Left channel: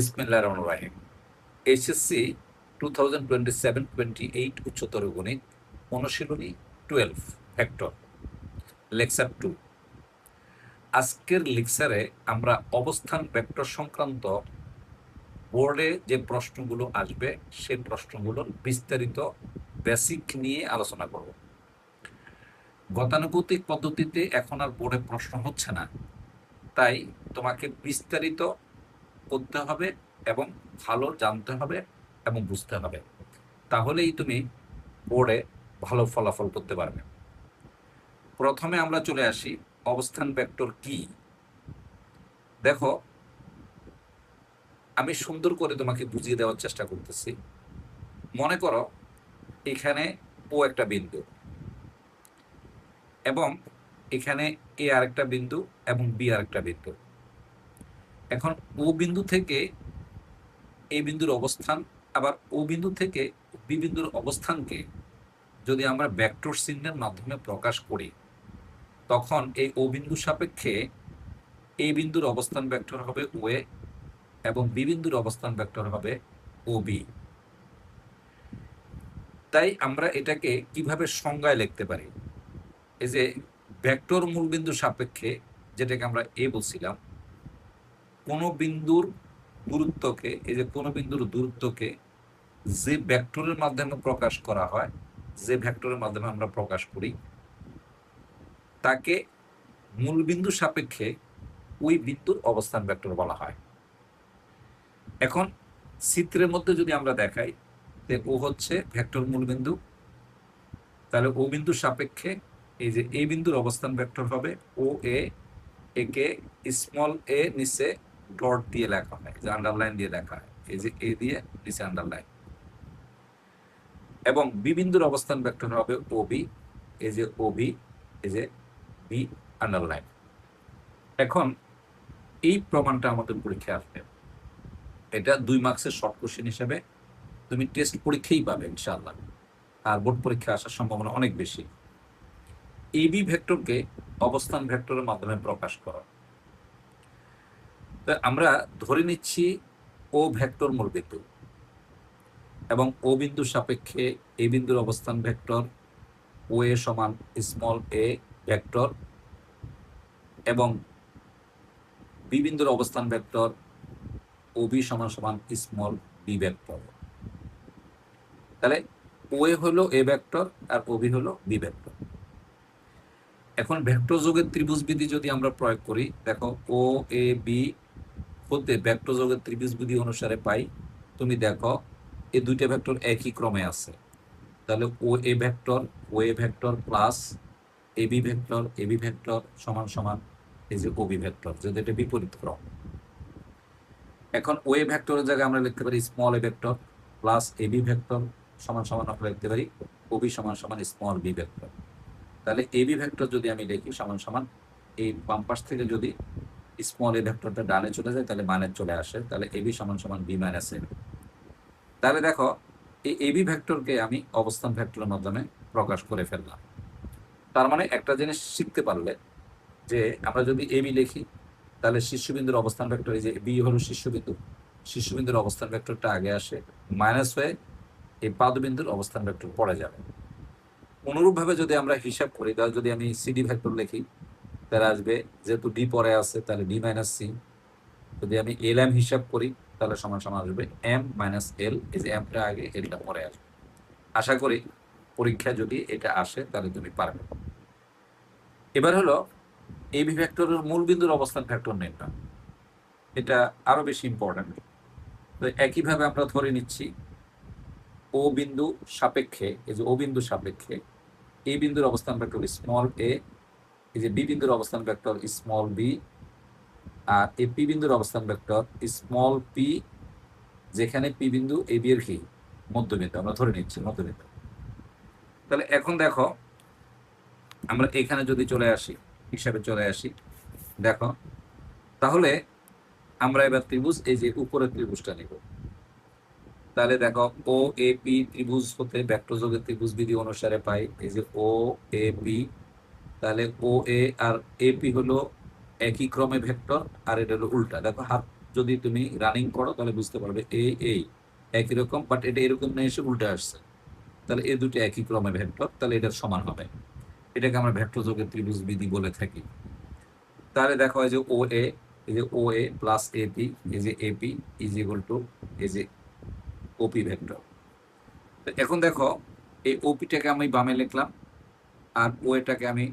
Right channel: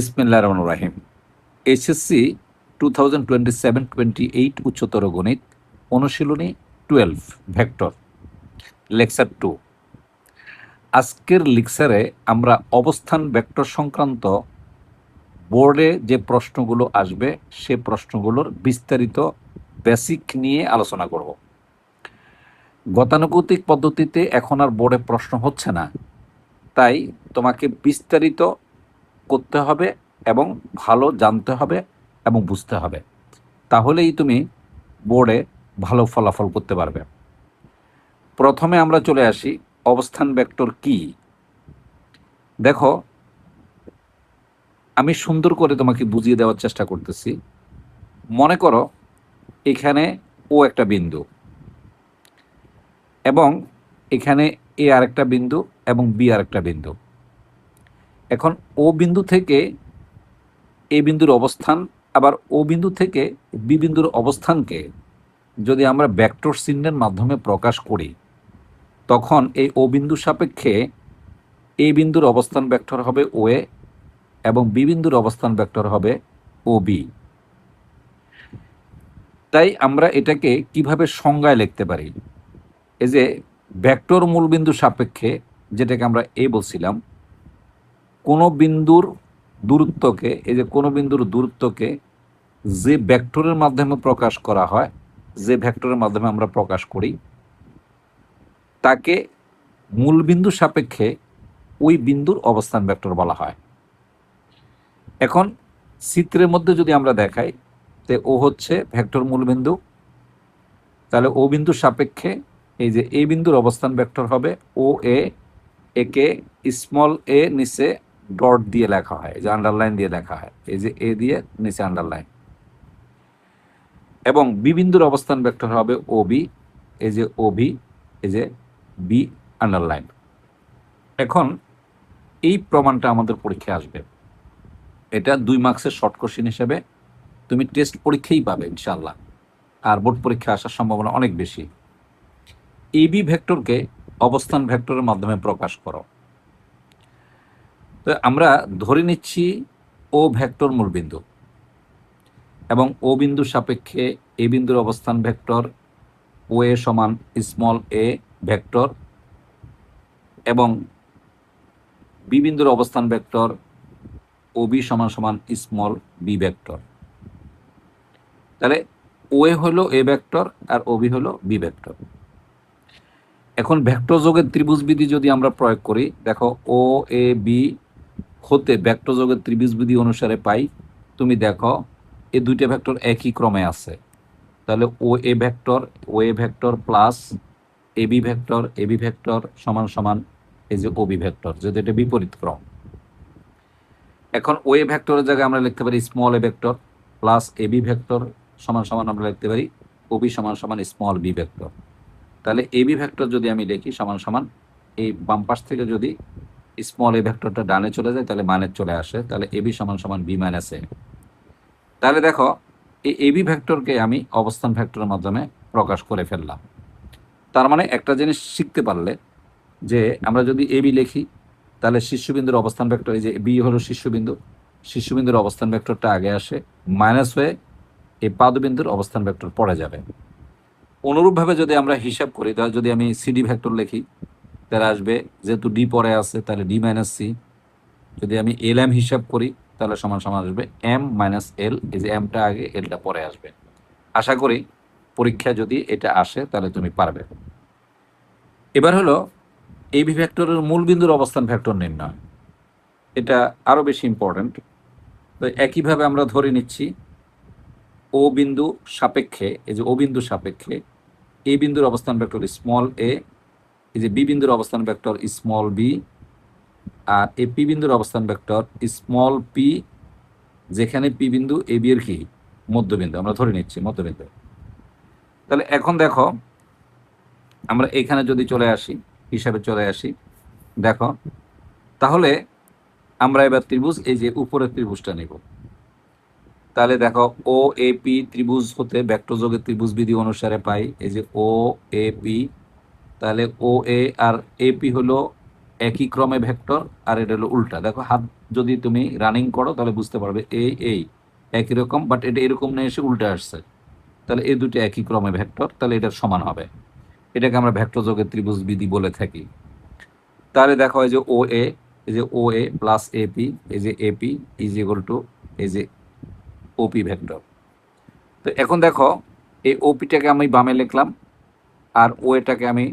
বিসমিল্লাহির রহমানির রহিম। এইচএসসি 2027-28 উচ্চতর গণিত অনুশীলনী 12 ভেক্টর লেকচার 2। আজকের লেকচারে আমরা অবস্থান ভেক্টর সংক্রান্ত বোর্ডে যে প্রশ্নগুলো আসবে সে প্রশ্নগুলোর বিস্তারিত বেসিক নিয়ে আলোচনা করব। গতানুগতিক পদ্ধতিতে এখন আর বোর্ডে প্রশ্ন হচ্ছে না, তাই তোমাকে বিস্তারিত করতে হবে এবং ভালো জানতে হবে এবং বুঝতে হবে, তাহলেই তুমি বোর্ডে ভালো ফলাফল করতে পারবে। প্রথমে আমরা চলে আসি অবস্থান ভেক্টর কি। দেখো, আমি সুন্দর করে তোমাকে বুঝিয়ে দেওয়ার চেষ্টা করতেছি। মনে করো এখানে ও একটা বিন্দু এবং এখানে এ আরেকটা বিন্দু এবং বি আরেকটা বিন্দু। এখন ও বিন্দু থেকে এ বিন্দুর অবস্থান, আবার ও বিন্দু থেকে বি বিন্দুর অবস্থানকে যদি আমরা ভেক্টর চিহ্নের মাধ্যমে প্রকাশ করি, তখন এই ও বিন্দু সাপেক্ষে এ বিন্দুর অবস্থান ভেক্টর হবে ও এ এবং বি বিন্দুর অবস্থান ভেক্টর হবে ও বি। তাই আমরা এটাকে কিভাবে সংজ্ঞায় লিখতে পারি? এই যে ভেক্টর মূলবিন্দু সাপেক্ষে, যেটাকে আমরা এ বলছিলাম, কোনো বিন্দুর দূরত্বকে, এই যে কোনো বিন্দুর দূরত্বকে যে ভেক্টরের মাধ্যমে প্রকাশ করা হয়, যে ভেক্টরের মাধ্যমে আমরা প্রকাশ করি, তাকে মূলবিন্দু সাপেক্ষে ওই বিন্দুর অবস্থান ভেক্টর বলা হয়। এখন চিত্রের মধ্যে যদি আমরা দেখাই যে ও হচ্ছে ভেক্টর মূলবিন্দু, তাহলে ও বিন্দুর সাপেক্ষে এই যে এই বিন্দুর অবস্থান ভেক্টর হবে ও এ। একে স্মল এ নিচে ডট দিয়ে লেখা হয়, যে আন্ডারলাইন দিয়ে লেখা হয়, এই যে এ দিয়ে নিচে আন্ডারলাইন। এবং বি বিন্দুর অবস্থান ভেক্টর হবে ও বি, এই যে ও বি, এই যে বি আন্ডারলাইন। এখন এই প্রমাণটা আমাদের পরীক্ষায় আসবে। এটা 2 মার্কসের শর্ট কোশ্চেন হিসেবে তুমি টেস্ট পরীক্ষাই পাবে ইনশাআল্লাহ, আর বোর্ড পরীক্ষা আসার সম্ভাবনা অনেক বেশি। এবি ভেক্টরকে অবস্থান ভেক্টরের মাধ্যমে প্রকাশ করো। তো আমরা ধরে নিচ্ছি ও ভেক্টর মূলবিন্দু এবং ও বিন্দুর সাপেক্ষে এ বিন্দুর অবস্থান ভেক্টর ও এ সমান স্মল এ ভেক্টর এবং বি বিন্দুর অবস্থান ভেক্টর ও বি সমান সমান স্মল বি ভেক্টর। তাহলে ও এ হলো এ ভেক্টর আর ও বি হলো বি ভেক্টর। এখন ভেক্টর যোগের ত্রিভুজ বিধি যদি আমরা প্রয়োগ করি, দেখো ও এ বি হতে ভেক্টর যোগের ত্রিভুজ বিধি অনুসারে পাই, তুমি দেখো এই দুইটা ভেক্টর একই ক্রমে আছে। তাহলে ও A vector plus A B vector সমান সমান এই যে ও বি ভেক্টর, যদি এটা বিপরীত ক্রম। এখন ও এ ভেক্টরের জায়গায় আমরা লিখতে পারি small a vector plus A B vector সমান সমান আমরা লিখতে পারি ও বি সমান সমান স্মল বি ভেক্টর। তাহলে এ বি ভেক্টর যদি আমি লিখি সমান সমান, এই বাম পাশ থেকে যদি স্মল এ ভেক্টরটা ডানে চলে যায় তাহলে মানে চলে আসে, তাহলে এ বি সমান সমান বি মাইনাস এ। তাহলে দেখো এই এ বি ভেক্টরকে আমি অবস্থান ভেক্টরের মাধ্যমে প্রকাশ করে ফেললাম। তার মানে একটা জিনিস শিখতে পারলে যে আমরা যদি এ বি লিখি, তাহলে শীর্ষবিন্দুর অবস্থান ভেক্টর, এই যে বি হলো শীর্ষবিন্দু, শীর্ষবিন্দুর অবস্থান ভেক্টরটা আগে আসে, মাইনাস হয়ে এই পাদবিন্দুর অবস্থান ভেক্টর পড়ে যাবে। অনুরূপভাবে যদি আমরা হিসাব করি, তাহলে যদি আমি সিডি ভেক্টর লিখি তাহলে আসবে, যেহেতু ডি পরে আছে তাহলে ডি মাইনাস সি। যদি আমি এল এম হিসাব করি তাহলে সমান সমান আসবে এম মাইনাস এল, এই যে এমটা আগে এলটা পরে আসবে। আশা করি পরীক্ষা যদি এটা আসে তাহলে তুমি পারবে। এবার হলো এই বি ভেক্টরের মূল বিন্দুর অবস্থান ভেক্টর নির্ণয়। এটা আরো বেশি ইম্পর্টেন্ট। তো একইভাবে আমরা ধরে নিচ্ছি ও বিন্দু সাপেক্ষে, এই যে ও বিন্দু সাপেক্ষে এ বিন্দুর অবস্থান ভেক্টর স্মল এ, এই যে বি বিন্দুর অবস্থান ভেক্টর স্মল বি, আর এই পি বিন্দুর অবস্থান ভেক্টর স্মল পি, যেখানে পি বিন্দু এ বি এর কি মধ্যবিন্দু, আমরা ধরে নিচ্ছি মধ্যবিন্দু। তাহলে এখন দেখো আমরা এখানে যদি চলে আসি, হিসাবে চলে আসি, দেখো তাহলে আমরা এবার ত্রিভুজ, এই যে উপরের ত্রিভুজটা নেব। তাহলে দেখো ও এ পি ত্রিভুজ হতে ভেক্টর যোগের ত্রিভুজ বিধি অনুসারে পাই এই যে ও এ পি। তাহলে ও এ আর এ পি হলো একই ক্রমে ভেক্টর, আর এটা হলো উল্টা। দেখো হাত যদি তুমি রানিং করো তাহলে বুঝতে পারবে এই একই রকম, বাট এটা এরকম না এসে উল্টে আসছে, তাহলে এই দুটো একই ক্রমে ভেক্টর, তাহলে এটার সমান হবে। এটাকে আমরা ভেক্টর যোগের ত্রিভুজ বিধি বলে থাকি। তাহলে দেখো এই যে ও এ, এই যে ও এ প্লাস এপি, এই যে এপি ইজ ইকুয়াল টু এই যে ওপি ভেক্টর। তো এখন দেখো এই ওপিটাকে আমি বামে লিখলাম, আর ও এটাকে আমি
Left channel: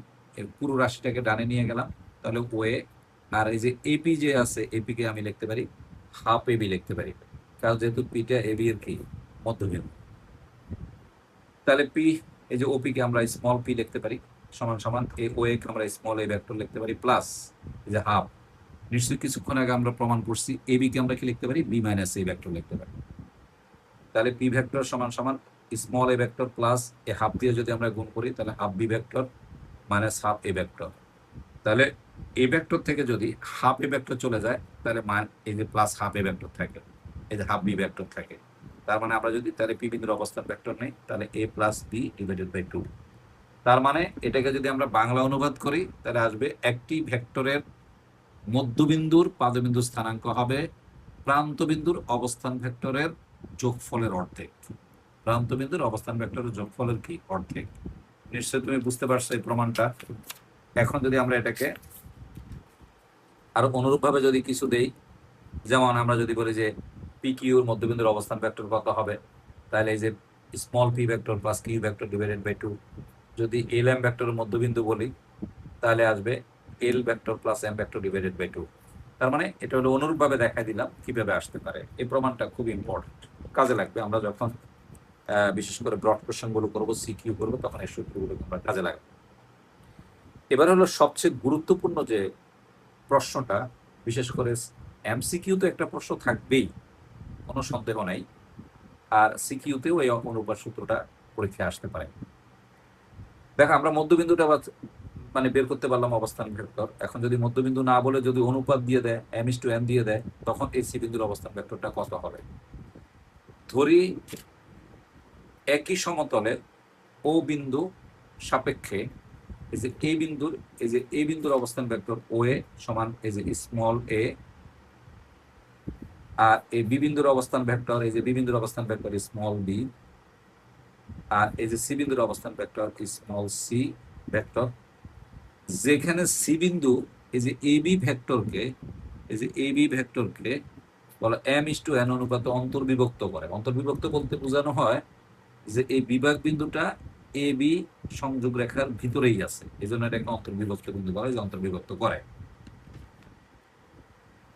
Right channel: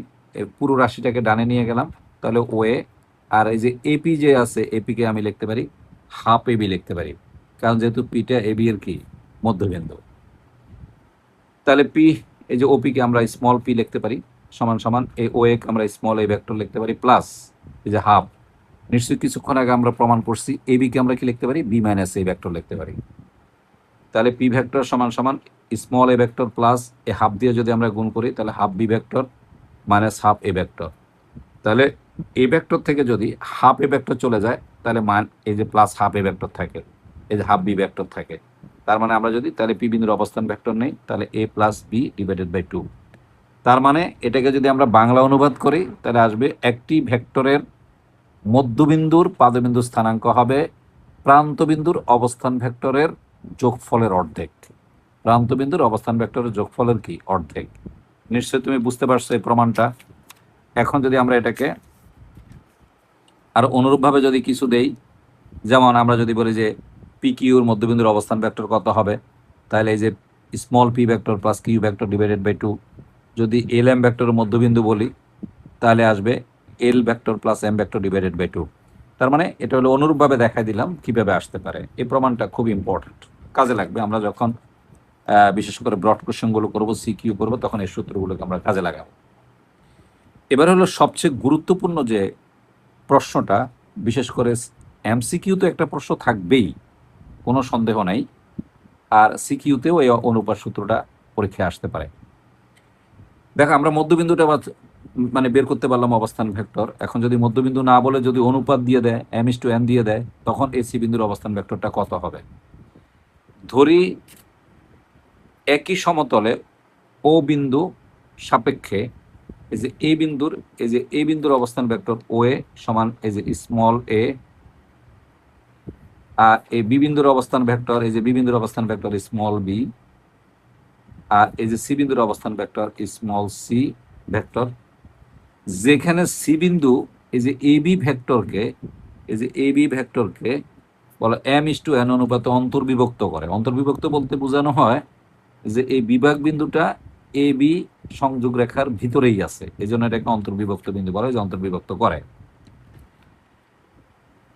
পুরো রাশিটাকে ডানে নিয়ে গেলাম, তাহলে ও এ, আর এই যে এপি যে আছে এপিকে আমি লিখতে পারি হাফ এবি লিখতে পারি, কারণ যেহেতু পিটা এবি এর কি মধ্যবিন্দু। তাহলে পি, এই যে ওপিকে আমরা স্মল পি লিখতে পারি সমান সমান এই ও একে আমরা স্মল এ ভেক্টর লিখতে পারি প্লাস এই যে হাফ, নিশ্চয়ই কিছুক্ষণ আগে আমরা প্রমাণ করছি এবি কে আমরা কি লিখতে পারি বি মাইনাস এ ভেক্টর লিখতে পারি। তাহলে পি ভেক্টর সমান সমান স্মল এ ভেক্টর প্লাস এ হাফ দিয়ে যদি আমরা গুণ করি তাহলে half b vector minus half a vector. তাহলে এ ভেক্টর থেকে যদি হাফ এ ভেক্টর চলে যায় তাহলে মান এই যে প্লাস হাফ এ ভেক্টর থাকে, এই যে হাফ বি ভেক্টর থাকে। তার মানে আমরা যদি তাহলে পি বিন্দুর অবস্থান ভেক্টর নেই তাহলে এ প্লাস বি ডিভাইডেড বাই 2। তার মানে এটাকে যদি আমরা বাংলা অনুবাদ করি তাহলে আসবে একটি ভেক্টরের মধ্যবিন্দুর পাদবিন্দু স্থানাঙ্ক হবে প্রান্তবিন্দুর অবস্থান ভেক্টরের যোগফলের অর্ধেক। প্রান্তবিন্দুর অবস্থান ভেক্টরের যোগফলের কি অর্ধেক। নিশ্চয়ই তুমি বুঝতে পারছো এই প্রমাণটা। এখন যদি আমরা এটাকে আর অনুরূপভাবে যদি কিছু দেই, যেমন আমরা যদি বলি যে পি কিউর মধ্যবিন্দুর অবস্থান ভেক্টর কত হবে, তাহলে এই যে small P vector plus Q vector divided by 2। যদি এল এম ভেক্টরের মধ্যবিন্দু বলি তাহলে আসবে L vector plus M vector divided by 2। তার মানে এটা হলো অনুরূপভাবে দেখাই দিলাম কিভাবে আসতে পারে। এই প্রমাণটা খুব ইম্পর্টেন্ট, কাজে লাগবে আমরা যখন বিশেষ করে ব্রড কোশ্চেনগুলো করবো, সিকিউ করবো, তখন এই সূত্রগুলোকে আমরা কাজে লাগাবো। এবার হলো সবচেয়ে গুরুত্বপূর্ণ যে প্রশ্নটা, বিশেষ করে এমসিকিউ তো একটা প্রশ্ন থাকবেই, কোনো সন্দেহ নাই, আর সিকিউতেও এই অনুপাত সূত্রটা পরীক্ষায় আসতে পারে। দেখো আমরা মধ্যবিন্দুটা মানে বের করতে পারলাম অবস্থান ভেক্টর। এখন যদি মধ্যবিন্দু না বলে যদি অনুপাত দিয়ে দেয় m/n দিয়ে দেয়, তখন এই সি বিন্দুর অবস্থান ভেক্টরটা কত হবে। ধরি একই সমতলে ও বিন্দু সাপেক্ষে এই যে এই বিন্দুর, এই যে এই বিন্দুর অবস্থান ভেক্টর ও এ সমান এই যে স্মল এ, আর এই বি বিন্দুর অবস্থান ভেক্টর এই যে বি বিন্দুর অবস্থান ভেক্টর স্মল বি, আর এই যে সি বিন্দুর অবস্থান ভেক্টর স্মল সি ভেক্টর। যেখানে সি বিন্দু এই যে এবি ভেক্টরকে, এই যে এবি ভেক্টরকে বলে m/n অনুপাতে অন্তর্বিভক্ত করে। অন্তর্বিভক্ত বলতে বোঝানো হয় যে এই বিভাগ বিন্দুটা এবি সংযোগ রেখার ভিতরেই আছে, এই জন্য এটাকে অন্তর্বিভক্ত বিন্দু বলে, যে অন্তর্বিভক্ত করে।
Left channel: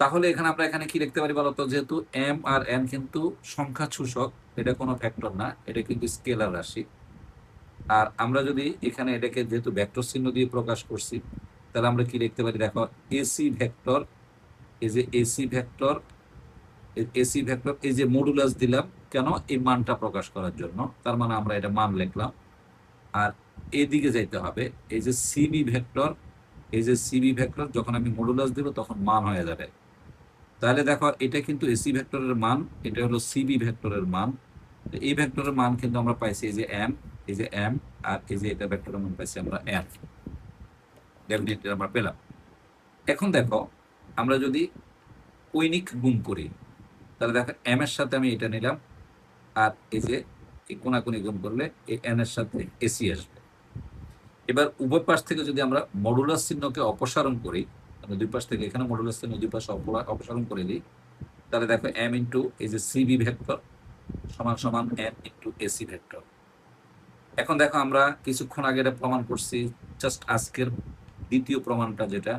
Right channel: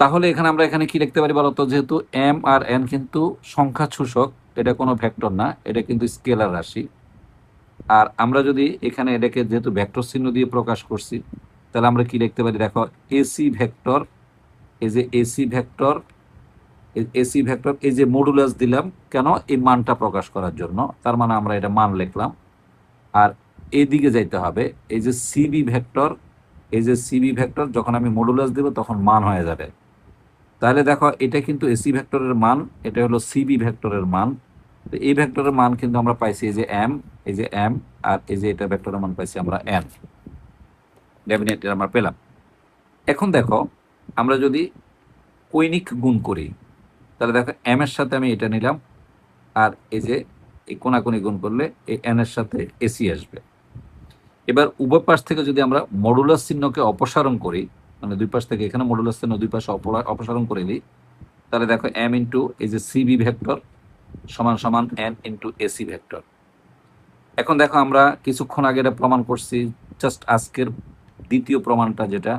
তাহলে এখানে আমরা এখানে কি লিখতে পারি বলতো, যেহেতু এম আর এন কিন্তু সংখ্যা সূচক, এটা কোনো ভেক্টর না, এটা কিন্তু স্কেলার রাশি। আর আমরা যদি এখানে এটাকে যেহেতু ভেক্টর চিহ্ন দিয়ে প্রকাশ করছি, তাহলে আমরা কি লিখতে পারি দেখো এসি ভেক্টর, এই যে এসি ভেক্টর, এসি ভেক্টর এই যে মডুলাস দিলাম কেন, এই মানটা প্রকাশ করার জন্য, তার মানে আমরা এটা মান লিখলাম। আর এইদিকে যাইতে হবে এই যে সিবি ভেক্টর, এই যে সিবি ভেক্টর যখন আমি মডুলাস দেব তখন মান হয়ে যাবে। তাহলে দেখো এটা কিন্তু এসি ভেক্টরের মান, এটা হলো সিবি ভেক্টরের মান। তো এই ভেক্টরের মান কিন্তু আমরা পাইছি এই যে এম, এই যে এম, আর এই যে এটা ভেক্টরের মান পাইছি আমরা এন, ডেফিনেটলি আমরা পেলাম। এখন দেখো আমরা যদি কৈনিক গুণ করি তাহলে দেখো এম এর সাথে আমি এটা নিলাম, আর এই যে এই কোনাকুনি গুণ করলে এই এন এর সাথে এসি আসবে। এবার উভয় পাশ থেকে যদি আমরা মডুলাস চিহ্নকে অপসারণ করি, মানে দুই পাশ থেকে এখানে মডুলাস চিহ্ন দুই পাশে অপসারণ করে দিই, তাহলে দেখো এম ইন্টু এই যে সিবি ভেক্টর সমান সমান এন ইন্টু এসি ভেক্টর। এখন দেখো আমরা কিছুক্ষণ আগে এটা প্রমাণ করছি, জাস্ট আজকের দ্বিতীয় প্রমাণটা যেটা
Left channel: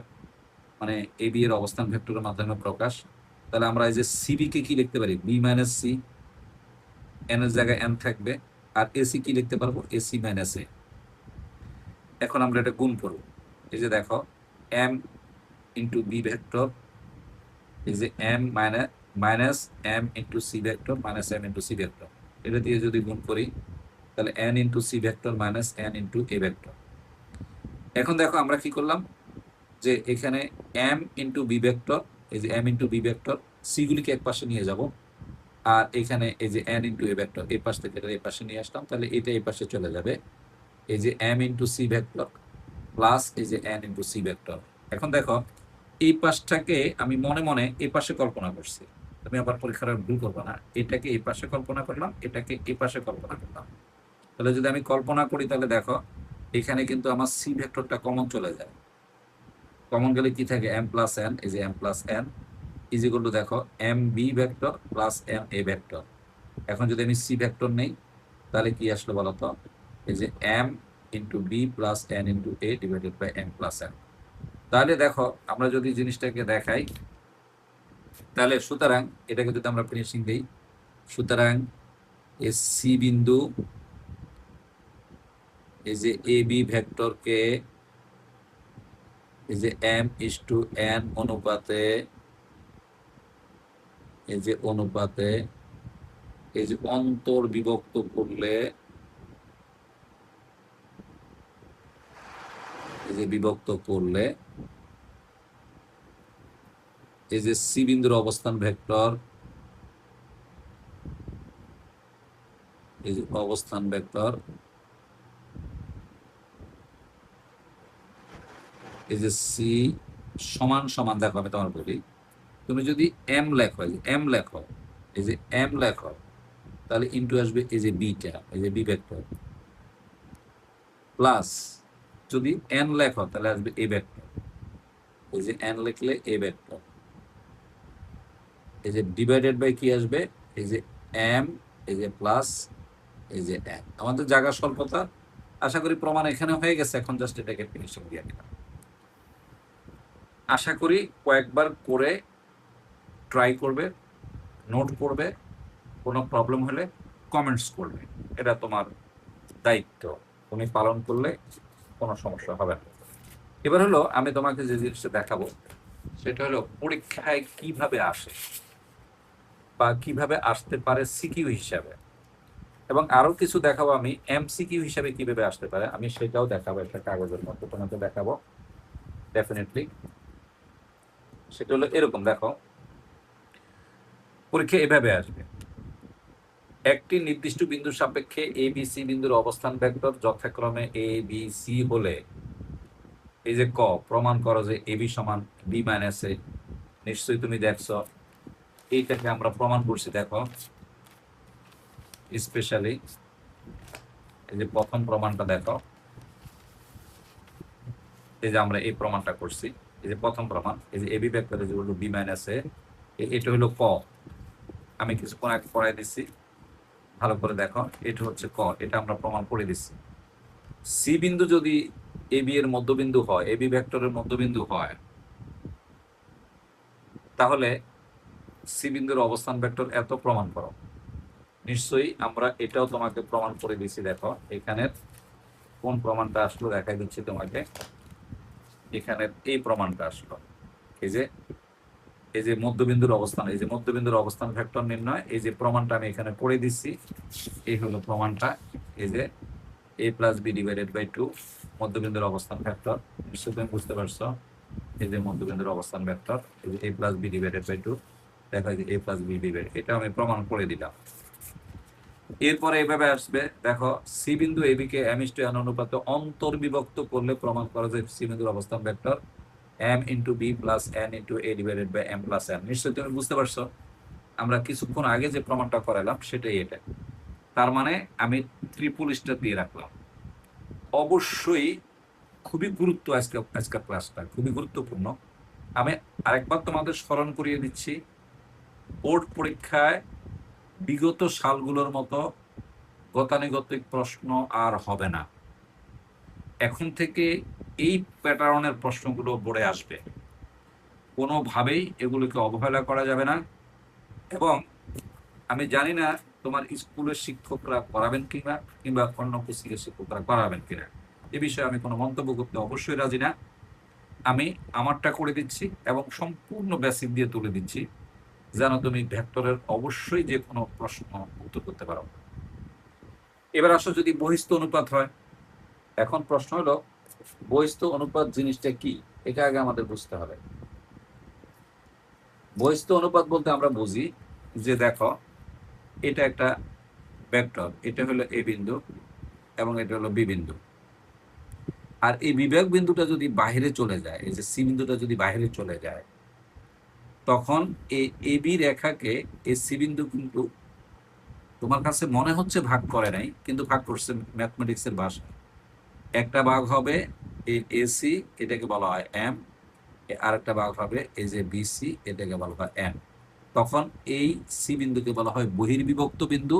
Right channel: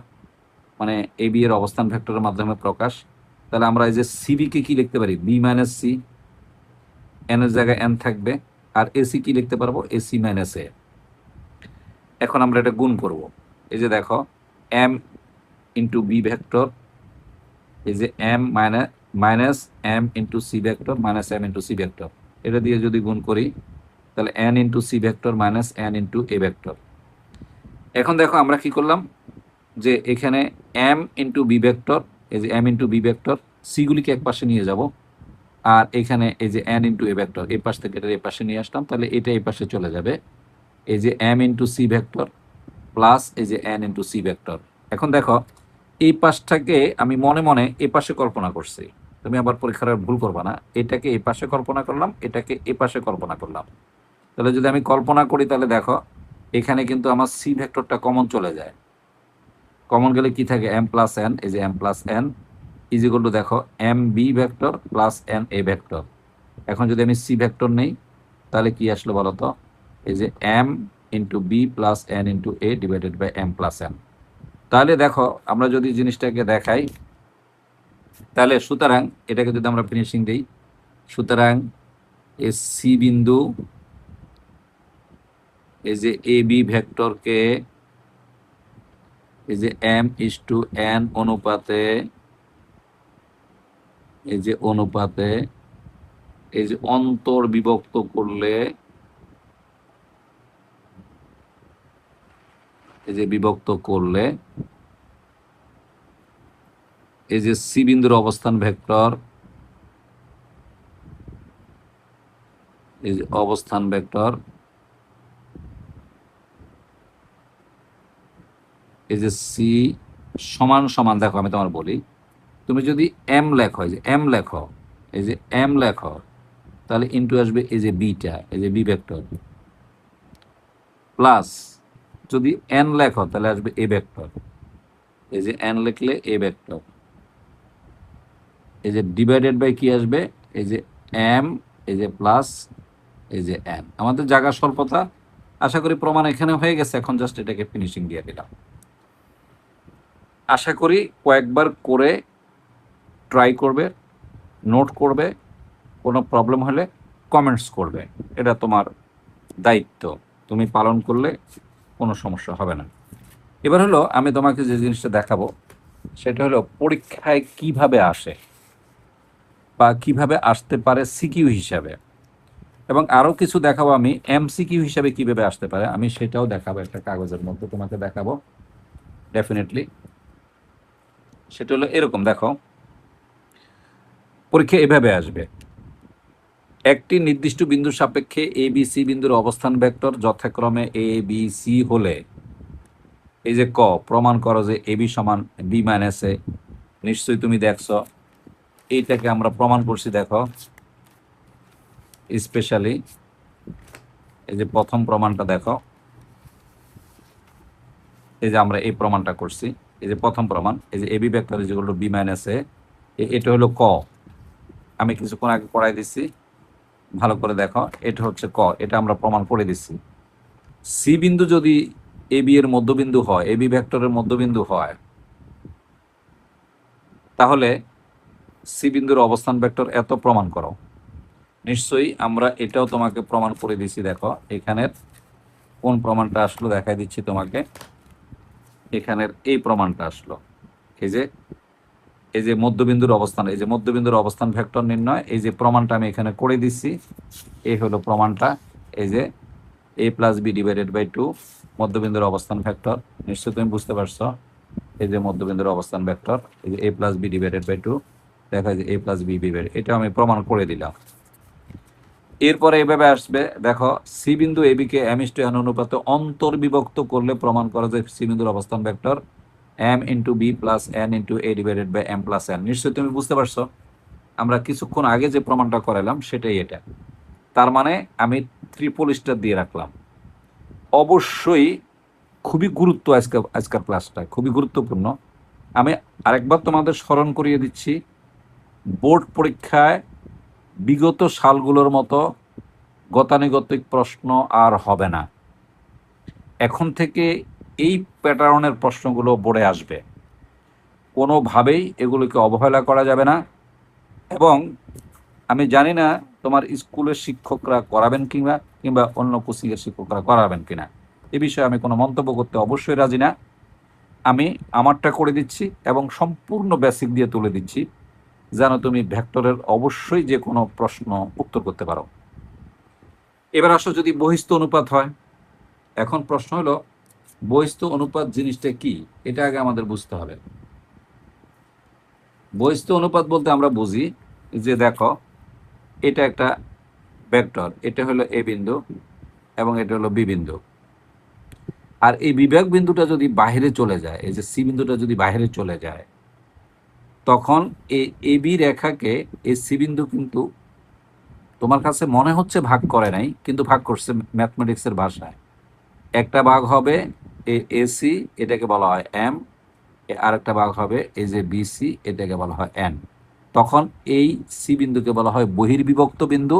মানে এবি এর অবস্থান ভেক্টরের মাধ্যমে প্রকাশ। তাহলে আমরা এই যে সিবি কে কি লিখতে পারি বি মাইনাস সি, এন এর জায়গায় এন থাকবে, আর এসি কি লিখতে পারবো এসি মাইনাস এ। এখন আমরা এটা গুণ করব, এই যে দেখো এম ইন্টু বি ভেক্টর, এই যে m minus m into c vector minus m into c vector, এটা দিয়ে যদি গুণ করি তাহলে n into c vector minus n into a vector. এখন দেখো আমরা কি করলাম, যে এখানে এম ইন্টু বি ভেক্টর, এই যে এম ইন্টু বি ভেক্টর, সিগুলিকে এক পাশে নিয়ে যাব, আর এখানে এই যে এন ইন্টু এ ভেক্টর এই পাশ থেকে এটা এই পাশে নিয়ে আসলাম, তাহলে এটা এই পাশে চলে যাবে, এই যে m into c vector plus এই যে এন ইন্টু সি ভেক্টর। এখন দেখো এই পাশটাকে আমি মনে মনে এই পাশে কল্পনা করছি, তুমি আবার পরীক্ষার ভুল করবা না। এটাকে এই পাশে কল্পনা করলাম, এটাকে এই পাশে কল্পনা করলাম। তাহলে যদি আমি কল্পনা করি তাহলে দেখো এখানে কিন্তু আমার সি ভেক্টরটা কমন চলে যায়। কমন গেলে কি থাকে, এম প্লাস এন, এই যে M plus N is equal to দেখো M B vector plus M A vector. এখন যদি আমি সি ভেক্টর নেই তাহলে কি আসলো বলতো, এই যে m into b plus n into a divided by m plus n. তাহলে দেখো আমরা যদি জিনিসটাকে দেখাই তাহলে সুতরাং এটাকে যদি আমরা ফিনিশিং দিই, সুতরাং এই সি বিন্দু এই যে এ বি ভেক্টরকে এই যে এম ইস টু এন অনুপাতে এই যে অনুপাতে এই যে অন্তর বিভক্ত করলে এই যে বিভক্ত করলে এই যে সি বিন্দুর অবস্থান ভেক্টর এই যে অবস্থান ভেক্টর এই যে সি সমান সমান, দেখো আমি তোমার বলি, তুমি যদি এম লেখো, এই যে এম লেখো, এই যে এম লেখো, তাহলে ইন্টু আসবে এই যে বিটা, এই যে বি ভেক্টর, প্লাস যদি এন লেখো তাহলে আসবে এ ভেক্টর, এই যে এন লিখলে এ ভেক্টর, এই যে ডিভাইডেড বাই কি আসবে, এই যে এম, এই যে প্লাস এই যে এন। আমাদের জায়গা স্বল্পতা, আশা করি প্রমাণ এখানে হয়ে গেছে, এখন জাস্ট এটাকে ফিনিশিং দিয়ে দিলাম। আশা করি কয়েকবার করে ট্রাই করবে, নোট করবে, কোনো প্রবলেম হলে কমেন্টস করবে, এটা তোমার দায়িত্ব, তুমি পালন করলে কোনো সমস্যা হবে না। এবার হলো আমি তোমাকে যে জিনিসটা দেখাবো সেটা হলো পরীক্ষায় কিভাবে আসে বা কিভাবে আসতে পারে সিকিউ হিসাবে, এবং আরো কিছু দেখাবো আমি এমসিকিউ হিসাবে কিভাবে আসতে পারে, আমি সেটাও দেখাবো একটা কাগজের মধ্যে তোমাকে দেখাবো ডেফিনেটলি। সেটা হলো এরকম, দেখো পরীক্ষা এভাবে আসবে, একটি নির্দিষ্ট বিন্দুর সাপেক্ষে এ বি সি বিন্দুর অবস্থান ভেক্টর যথাক্রমে এ বি সি হলে এই যে ক প্রমাণ করো যে এ বি সমান বি মাইনাস এ। নিশ্চয়ই তুমি দেখছো এইটাকে আমরা প্রমাণ করছি, দেখো স্পেশালি এই যে প্রথম প্রমাণটা দেখো, এই যে আমরা এই প্রমাণটা করছি, এই যে প্রথম প্রমাণ, এই যে AB vector is equal to B minus A, এটা হলো ক, আমি কিছুক্ষণ আগে পড়াই দিচ্ছি, ভালো করে দেখো, এটা হচ্ছে ক, এটা আমরা প্রমাণ করে দিচ্ছি। সি বিন্দু যদি এ বি এর মধ্যবিন্দু হয়, এবি ভেক্টরের মধ্যবিন্দু হয়, তাহলে সি বিন্দুর অবস্থান ভেক্টর এত প্রমাণ করো। নিশ্চয়ই আমরা এটাও তোমাকে প্রমাণ করে দিচ্ছি, দেখো এখানের কোন প্রমাণটা আসলো দেখাই দিচ্ছি তোমাকে, এখানের এই প্রমাণটা আসলো, এই যে এই যে মধ্যবিন্দুর অবস্থান, এই যে মধ্যবিন্দুর অবস্থান ভেক্টর নির্ণয়, এই যে প্রমাণটা আমি এখানে করে দিচ্ছি, এই হলো প্রমাণটা, এই যে A plus B divided by two মধ্যবিন্দুর অবস্থান ভেক্টর, নিশ্চয়ই তুমি বুঝতে পারছো, এই যে মধ্যবিন্দুর অবস্থান ভেক্টর, এই যে A plus B divided by two, দেখা যায় এ প্লাস বি ডিভাইড, এটা আমি প্রমাণ করে দিলাম। এরপরে এইভাবে আসবে, দেখো সি বিন্দু এবি কে এম ইস টু এন অনুপাতে অন্তর্বিভক্ত করলে প্রমাণ করা যায় সি বিন্দুর অবস্থান vector m into b plus n into a divided by m plus n. নিশ্চয়ই তুমি বুঝতে পারছো আমরা কিছুক্ষণ আগে যে প্রমাণটা করালাম সেটাই এটা। তার মানে আমি ট্রিপল স্টার দিয়ে রাখলাম। অবশ্যই খুবই গুরুত্ব, আজকের ক্লাসটা খুবই গুরুত্বপূর্ণ। আমি আরেকবার তোমাদের স্মরণ করিয়ে দিচ্ছি, বোর্ড পরীক্ষায় বিগত সালগুলোর মতো গতানুগতিক প্রশ্ন আর হবে না। এখন থেকে এই প্যাটার্নের প্রশ্নগুলো বোর্ডে আসবে, কোনোভাবেই এগুলোকে অবহেলা করা যাবে না। এবং আমি জানি না তোমার স্কুলের শিক্ষকরা করাবেন কিংবা কিংবা অন্য কোচিংয়ের শিক্ষকরা করাবেন কিনা, এ বিষয়ে আমি কোনো মন্তব্য করতে অবশ্যই রাজি না। আমি আমারটা করে দিচ্ছি এবং সম্পূর্ণ বেসিক দিয়ে তুলে দিচ্ছি, যেন তুমি ভেক্টরের অবশ্যই যে কোনো প্রশ্ন উত্তর করতে পারো। এবার আসো যদি বহিস্থ অনুপাত হয়, এখন প্রশ্ন হলো বহিস্থ অনুপাত জিনিসটা কি, এটা আগে আমাদের বুঝতে হবে। বহিস্থ অনুপাত বলতে আমরা বুঝি যে দেখো এটা একটা ভেক্টর, এটা হলো এ বিন্দু এবং এটা হলো বি বিন্দু। আর এই বিবেক বিন্দুটা যদি বাইরে চলে যায়, এই যে সি বিন্দুটা যদি বাইরে চলে যায়, তখন এই এবি রেখাকে এই সি বিন্দু কিন্তু তোমার কাছে মনে হচ্ছে ভাগ করে নাই, কিন্তু ভাগ করছে ম্যাথমেটিক্সের ভাষায়। একটা ভাগ হবে এসি, এটাকে বলা হয় এম, আরেকটা ভাগ হবে এই যে বিসি, এটাকে বলা হয় এন। তখন এই সি বিন্দুকে বলা হয় বহির্বিভক্ত বিন্দু।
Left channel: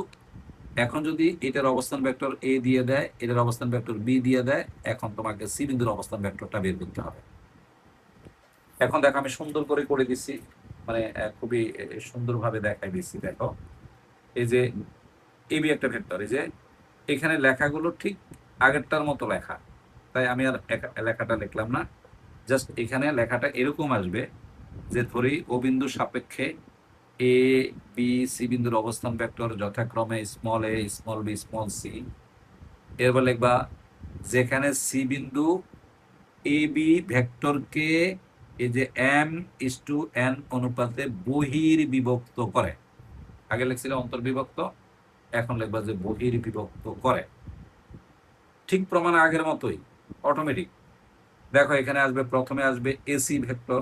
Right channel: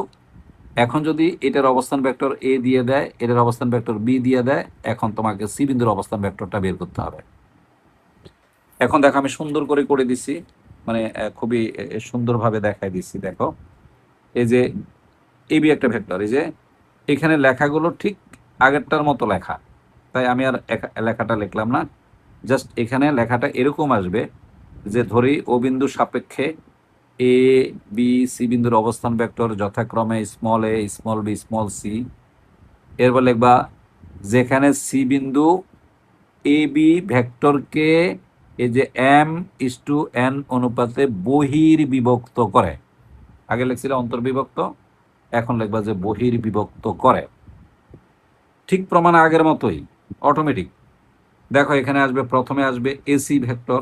এখন যদি এটার অবস্থান ভেক্টর এ দিয়ে দেয়, এটার অবস্থান ভেক্টর বি দিয়ে দেয়, এখন তোমাকে সি বিন্দুর অবস্থান ভেক্টরটা বের করতে হবে। এখন দেখো আমি সুন্দর করে করে দিছি, মানে খুবই সুন্দরভাবে দেখাই দিচ্ছি। দেখো এই যে এবি একটা ভেক্টর, এই যে এখানে লেখাগুলো ঠিক আগেরটার মতো লেখা, তাই আমি আর লেখাটা লিখলাম না। জাস্ট এখানে লেখাটা এরকম আসবে যে ধরি ও বিন্দুর সাপেক্ষে এ বি সি বিন্দুর অবস্থান ভেক্টর যথাক্রমে small a small B small C. এরপর লিখবা যেখানে সি বিন্দু এ বি ভেক্টরকে এই যে এম ইস টু এন অনুপাতে বহির্বিভক্ত করে। আগে লিখছিল অন্তর্বিভক্ত, এখন লিখবা যে বহির্বিভক্ত করে। ঠিক প্রমাণ আগের মতোই, অটোমেটিক। দেখো এখানে আসবে, প্রথমে আসবে AC vector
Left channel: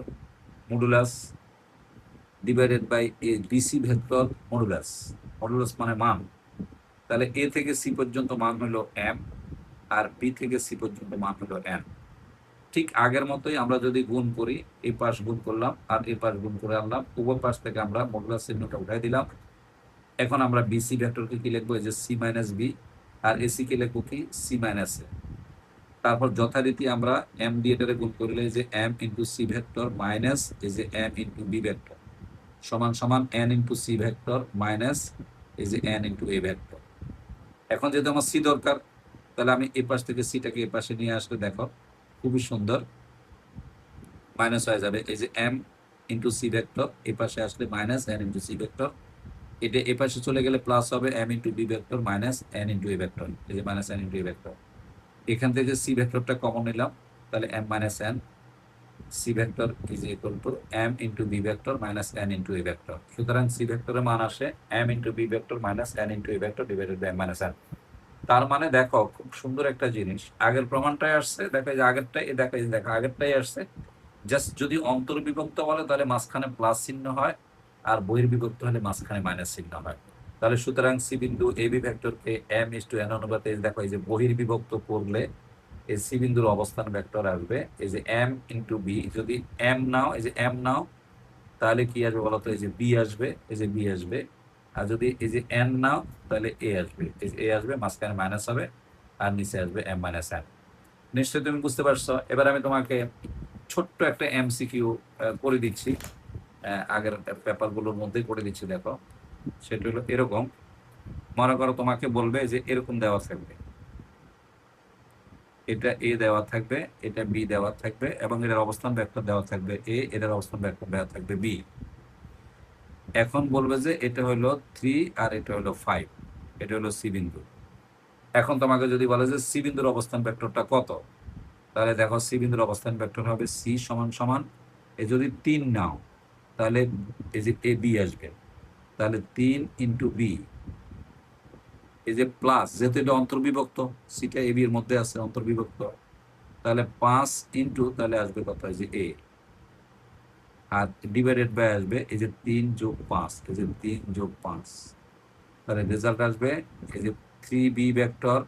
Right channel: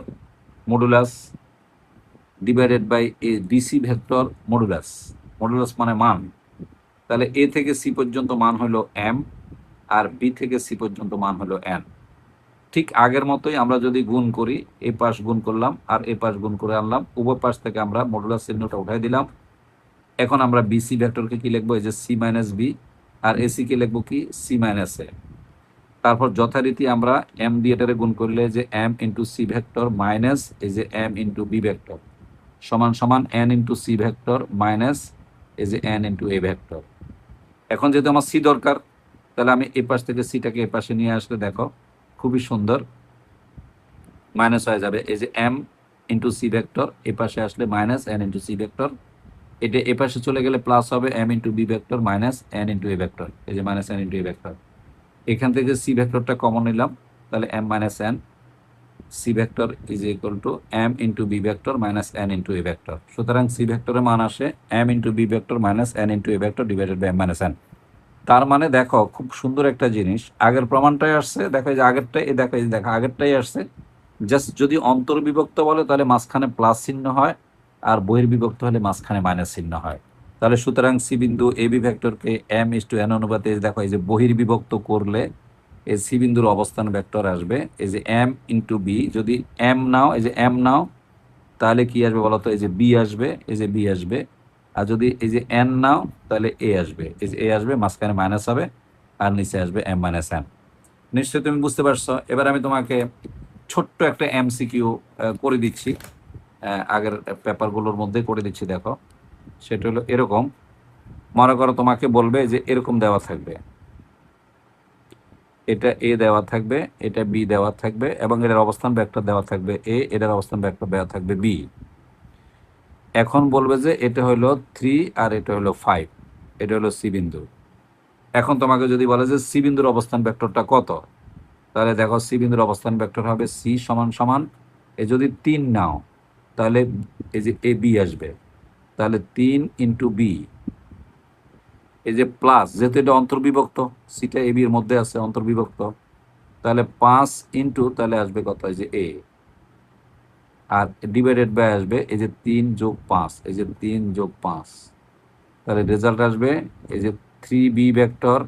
modulus divided by a BC vector modulus. Modulus মানে মান। তাহলে এ থেকে সি পর্যন্ত মান হলো এম, আর বি থেকে সি পর্যন্ত মান হলো এন। ঠিক আগের মতোই আমরা যদি গুণ করি, এই পাশ গুণ করলাম আর এই পাশ গুণ করে আনলাম, উভয় পাশ থেকে আমরা মডুলাস চিহ্নটা উঠাই দিলাম। এখন আমরা বিসি ভেক্টরকে কি লিখবো, এই যে সি মাইনাস বি, আর এসি কে লিখবো কি সি মাইনাস এ। তারপর যথারীতি আমরা এম দিয়ে এটারে গুণ করলে যে m into c vector minus এই যে এম ইন্টু বি ভেক্টর সমান সমান n into c vector minus এই যে এন ইন্টু এ ভেক্টর। এখন যেহেতু আমার সি দরকার, তাহলে আমি এই পাশ থেকে সিটাকে এই পাশে নিয়ে আসলে দেখো খুবই সুন্দর মাইনাস হয়ে যাবে। এই যে এম ইন্টু সি ভেক্টর এ পাশে আসলে minus n into c vector, এটা এ পাশে চলে গেলে প্লাস হবে m into b vector minus n into a vector, এই যে minus n into a vector. এখান থেকে সি ভেক্টরটা কমন নিলাম, তাহলে m minus n c vector is equal to m into b vector minus n into a vector. সুতরাং c ভেক্টরের মান আসে m into b vector minus n into a vector divided by m minus n. তার মানে দেখো খুব সুন্দর একটা জিনিস, আগের প্রমাণটাই আসছে। দেখো এই যে আগেরটাই, এই দেখো এই দেখো আগেরটাই আসছে। জাস্ট যদি অন্তর্বিভক্ত বলে তাহলে মাঝখানে প্লাস চিহ্ন হয়, আর বহির্বিভক্ত হলে মাঝখানে মাইনাস চিহ্ন হয়। তাহলে সুতরাং সি বিন্দু এ বি ভেক্টরকে এম ইস টু এন অনুপাতে দেখো এই যে বহির্বিভক্ত করলে এই সি বিন্দুর অবস্থান ভেক্টর আসবে এই যে এম ইন্টু বি। যদি এম নাও, এই যে এম নাও, তাহলে কি আসবে বলতো, এই যে বি আসবে, এই যে বি আসবে। আর যদি এই যে এন নাও, তাহলে এ আসবে, এই যে এ আসবে, মাঝখানে মাইনাস হবে, আর নিচে আসবে এম মাইনাস এন। নিশ্চয়ই তুমি বুঝতে পারছো। এবার আমি তোমাকে ছোট্ট একটা এমসিকিউ করে দিচ্ছি, আগের পেপারগুলোর মধ্যে করে দিচ্ছি। দেখো সেটা হলো এরকম, মনে করো তোমাকে বলবে যে এরকম দেওয়া থাকবে, এটা এ দেওয়া থাকবে, এটা বি দেওয়া থাকবে, এবং এটার অবস্থান ভেক্টর দেওয়া থাকবে এ, এটার অবস্থান ভেক্টর দেওয়া থাকবে বি। এখন বলবে যে এটা হলো 3 আর এটা হলো 5, এটা হলো সি বিন্দু। এখন তোমাকে যদি বলে যে সি বিন্দুর অবস্থান ভেক্টরটা কত, তাহলে দেখো সি বিন্দুর অবস্থান ভেক্টর হবে সি সমান সমান, এ যদি 3 নাও তাহলে এই যে এ বি আসবে, তাহলে 3 ইন্টু বি, এই যে প্লাস, যেহেতু এটা অন্তর্বিভক্ত, সিটা এ বি এর মধ্যে আছে অন্তর্বিভক্ত, তাহলে 5 ইন্টু তাহলে আসবে কত, এই যে এ, আর ডিভাইডেড বাই আসবে এই যে 3 যোগ 5, এই যে 3 যোগ 5, তাহলে রেজাল্ট আসবে এই যে 3b ভেক্টর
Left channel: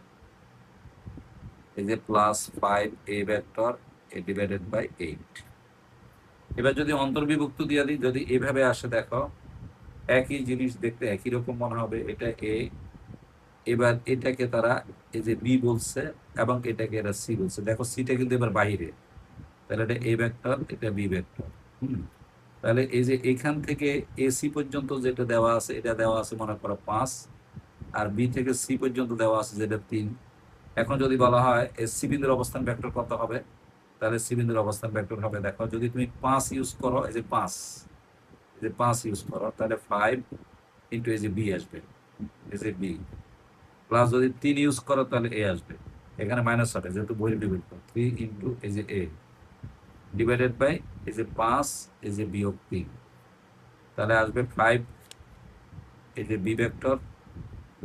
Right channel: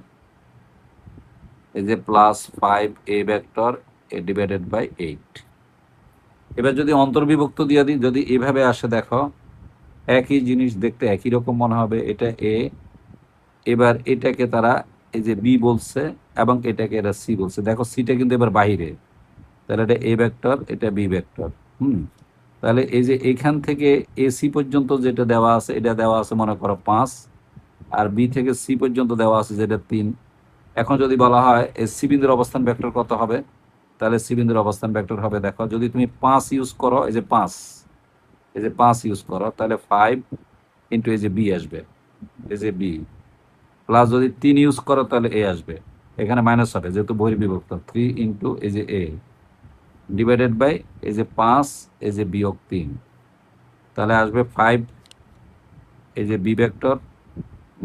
এই যে প্লাস 5a ভেক্টর এ ডিভাইডেড বাই 8। এবার যদি অন্তর্বিভক্ত দিয়ে দিই, যদি এভাবে আসে, দেখো একই জিনিস দেখতে একই রকম মনে হবে, এটা এ, এবার এটাকে তারা এই যে বি বলছে এবং এটাকে এরা সি বলছে। দেখো সিটা কিন্তু এবার বাইরে, তাহলে এটা এ ভেক্টর, এটা বি ভেক্টর। তাহলে এই যে এইখান থেকে এসি পর্যন্ত যেটা দেওয়া আছে, এটা দেওয়া আছে মনে করো 5, আর বি থেকে সি পর্যন্ত দেওয়া আছে যেটা 3। এখন যদি বলা হয় সি বিন্দুর অবস্থান ভেক্টর কত হবে, তাহলে সি বিন্দুর অবস্থান ভেক্টর হবে, দেখো যদি তুমি 5 ইউজ করো, এই যে 5, এই যে 5 ইউজ করো, তাহলে 5 ইন্টু এই যে বি আসবে, এই যে বি, প্লাস যদি 3 ইউজ করো তাহলে এ আসবে, এখানে মাইনাস হবে যেহেতু বহির্বিভক্ত, 3 ইন্টু এই যে এ ডিভাইডেড বাই এই যে 5 এই যে বিয়োগ 3, তাহলে আসবে 5 এই যে b vector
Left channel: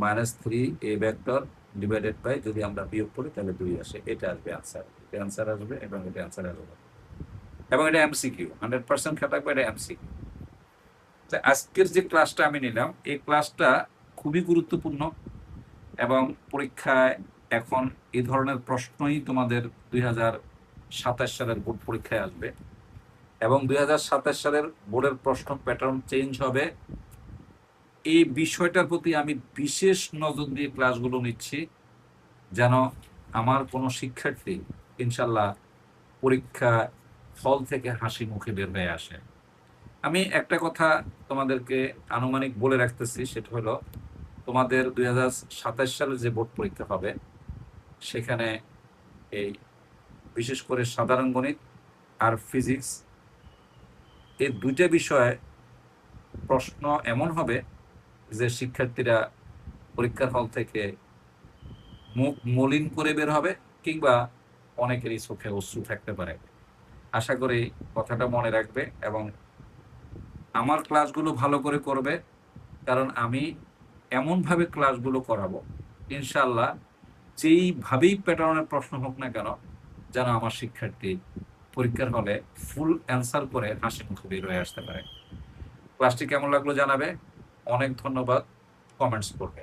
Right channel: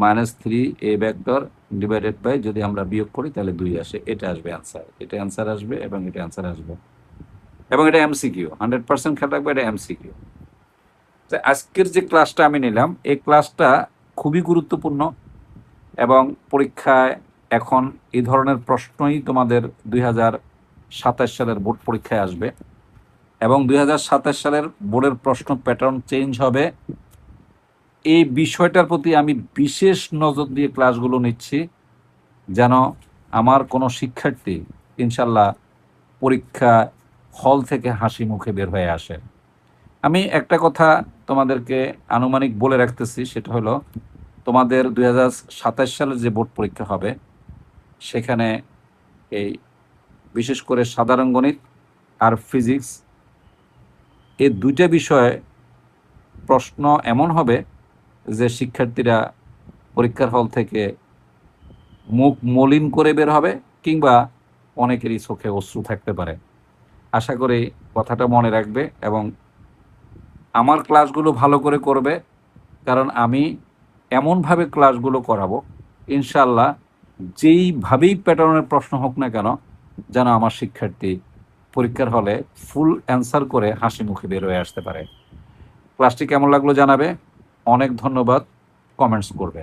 -3 a vector divided by, যদি আমরা বিয়োগ করি তাহলে 2 আসে, এটা আসবে অ্যান্সার, এটা অ্যান্সার আসবে এবং এটা অ্যান্সার আসবে। এবং এটা এমসিকিউ, 100% খেয়াল রাখবে, এটা এমসিকিউ। তো আজকের যে ক্লাসটা আমি নিলাম, এই ক্লাসটা খুবই গুরুত্বপূর্ণ এবং পরীক্ষায় এখন এই ধরনের প্রশ্নই তোমাদের 2027 সালের বোর্ড পরীক্ষায় আসবে এবং 2027 সালের বোর্ডের প্রশ্ন প্যাটার্ন চেঞ্জ হবে। এই বিষয়টার প্রতি আমি বিশেষ নজর দিয়ে ক্লাসগুলো নিচ্ছি, যেন আমার কোনো শিক্ষার্থী ইনশাল্লাহ পরীক্ষা হল থেকে হাসি মুখে বের হয়ে আসে। আমি একটা কথা তোমাদেরকে আনুমানিক বলে রাখতেছি, সেটা হলো তোমাদের 2027 সালের যে বোর্ড পরীক্ষা হবে সেখানে এই বিশেষ করে সাধারণ গণিত আর ফিজিক্স, এই দুইটা বিষয়ে প্রশ্ন এমন হবে যে শিক্ষার্থীরা পরীক্ষার হল থেকে মুখ মলিন করে বের হবে, কিংবা অনেকেরই চোখে অশ্রু থাকতে পারে। আশা করি কথাটা মনে রাখবে এবং আমার ক্লাসগুলো ভালো করে করবে, কারণ আমি এমনভাবে ক্লাসগুলো করাবো ইনশাল্লাহ যেইভাবেই প্যাটার্নের প্রশ্ন হোক না কেন, যেন আমার শিক্ষার্থী পরীক্ষার হলে ফুল অ্যান্সার করে হাসি মুখে বের হয়ে আসতে পারে। ক্লাসটি কেমন লাগলো জানাবে। অনেক ধন্যবাদ, কমেন্টস করবে।